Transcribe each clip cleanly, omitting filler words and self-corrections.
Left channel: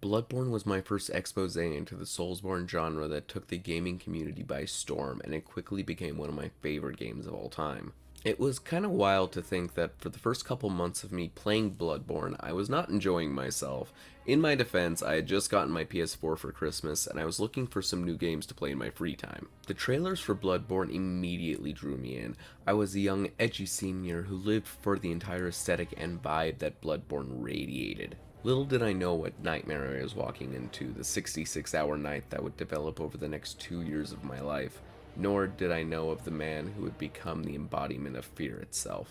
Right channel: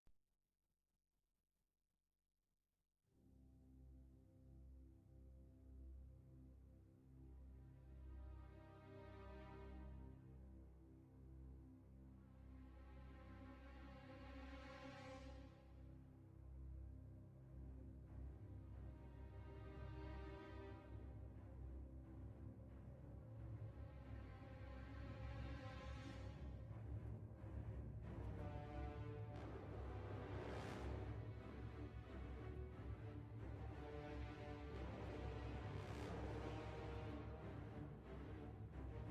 Bloodborne was my first expose into the Soulsborne genre that took the gaming community by storm, and it quickly became one of my favorite games of all time. It was kind of wild to think that for the first couple months of me playing Bloodborne, I was not enjoying myself. In my defense, I had just gotten my PS4 for Christmas, and I was looking for some new games to play in my free time. The trailers for Bloodborne immediately drew me in. I was a young, edgy senior who lived for the entire aesthetic and vibe that Bloodborne radiated. Little did I know what nightmare I was walking into, the 66-hour night that would develop over the next 2 years of my life, nor did I know of the man who would become the embodiment of fear itself.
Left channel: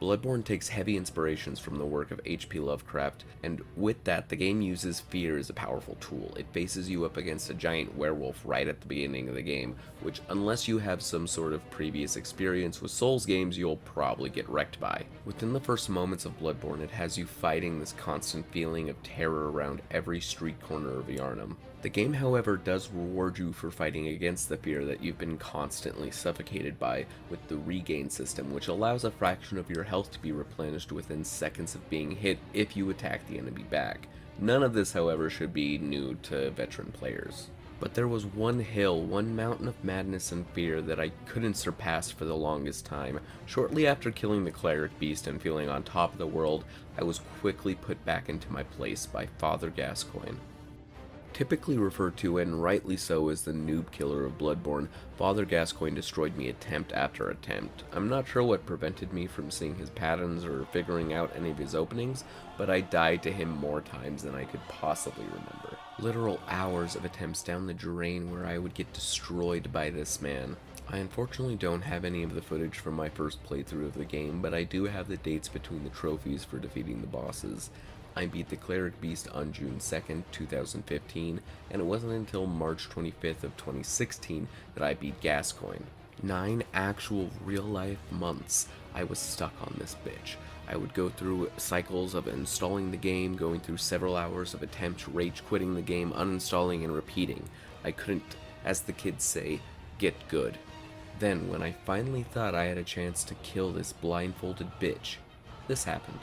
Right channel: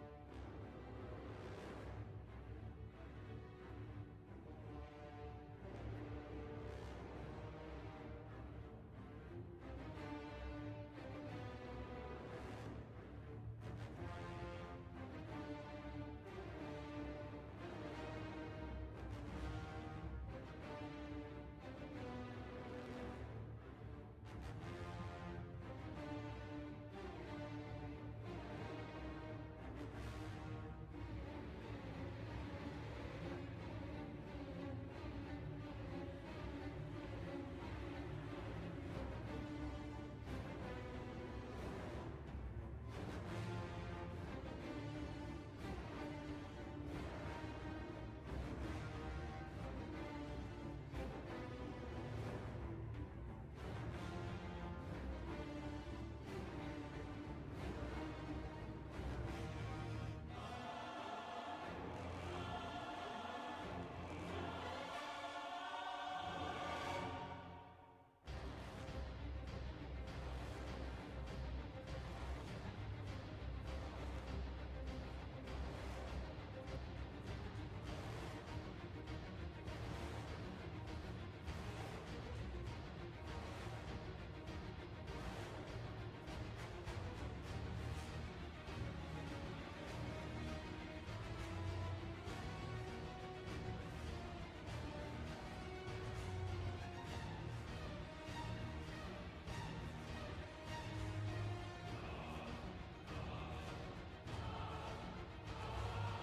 Bloodborne takes heavy inspirations from the work of H.P. Lovecraft, and with that, the game uses fear as a powerful tool. It faces you up against a giant werewolf right at the beginning of the game, which, unless you have some sort of previous experience with Souls games, you'll probably get wrecked by. Within the first moments of Bloodborne, it has you fighting this constant feeling of terror around every street corner of Yharnam. The game, however, does reward you for fighting against the fear that you've been constantly suffocated by with the regain system, which allows a fraction of your health to be replenished within seconds of being hit if you attack the enemy back. None of this, however, should be new to veteran players. But there was one hill, one mountain of madness and fear that I couldn't surpass for the longest time. Shortly after killing the cleric beast and feeling on top of the world, I was quickly put back into my place by Father Gascoigne. Typically referred to, and rightly so, as the noob killer of Bloodborne, Father Gascoigne destroyed me attempt after attempt. I'm not sure what prevented me from seeing his patterns or figuring out any of his openings, but I died to him more times than I could possibly remember. Literal hours of attempts down the drain where I would get destroyed by this man. I unfortunately don't have any of the footage from my first playthrough of the game, but I do have the dates between the trophies for defeating the bosses. I beat the Cleric Beast on June 2nd, 2015, and it wasn't until March 25th of 2016 that I beat Gascoigne. 9 actual real-life months I was stuck on this bitch. I would go through cycles of installing the game, going through several hours of attempts, rage quitting the game, uninstalling and repeating. I couldn't, as the kids say, get good. Then, when I finally thought I had a chance to kill this blindfolded bitch, this happened.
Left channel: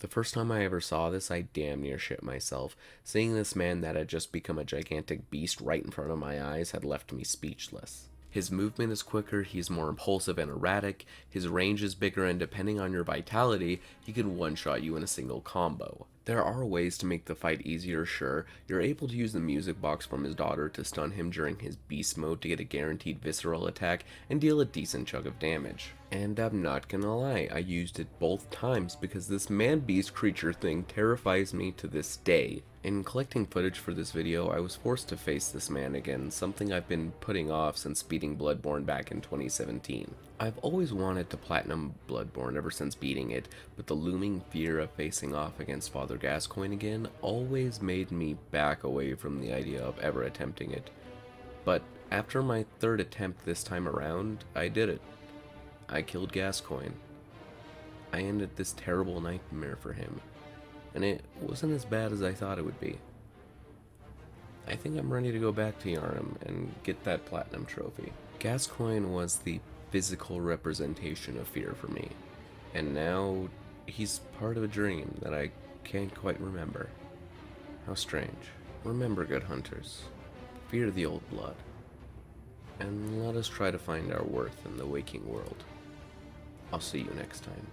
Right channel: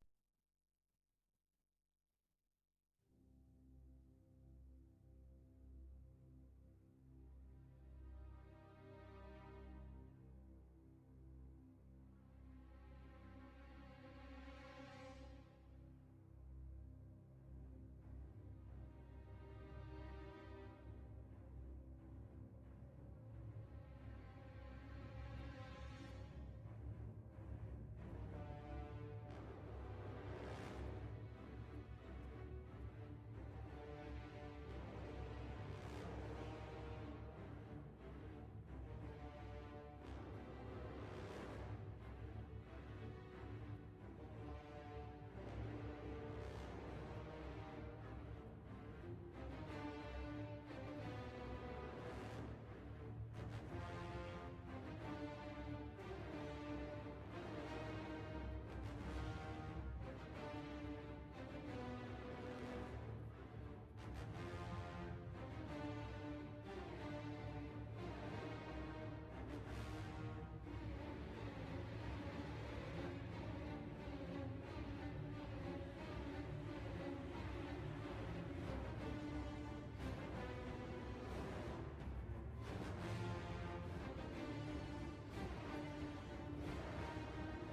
The first time I ever saw this, I damn near shit myself. Seeing this man that had just become a gigantic beast right in front of my eyes had left me speechless. His movement is quicker, he's more impulsive and erratic, his range is bigger, and depending on your vitality, he can one-shot you in a single combo. There are ways to make the fight easier, sure. You're able to use the music box from his daughter to stun him during his beast mode to get a guaranteed visceral attack and deal a decent chunk of damage. And I'm not gonna lie, I used it both times because this man-beast creature thing terrifies me to this day. In collecting footage for this video, I was forced to face this man again, something I've been putting off since beating Bloodborne back in 2017. I've always wanted to platinum Bloodborne ever since beating it, but the looming fear of facing off against Father Gascoigne again always made me back away from the idea of ever attempting it. But after my third attempt this time around, I did it. I killed Gascoigne. I ended this terrible nightmare for him, and it wasn't as bad as I thought it would be. I think I'm ready to go back to Yharnam and get that platinum trophy. Gascoigne was the physical representation of fear for me, and now he's part of a dream that I can't quite remember. How strange. Remember, good hunters, fear the old blood, and let us try to find our worth in the waking world. I'll see you next time.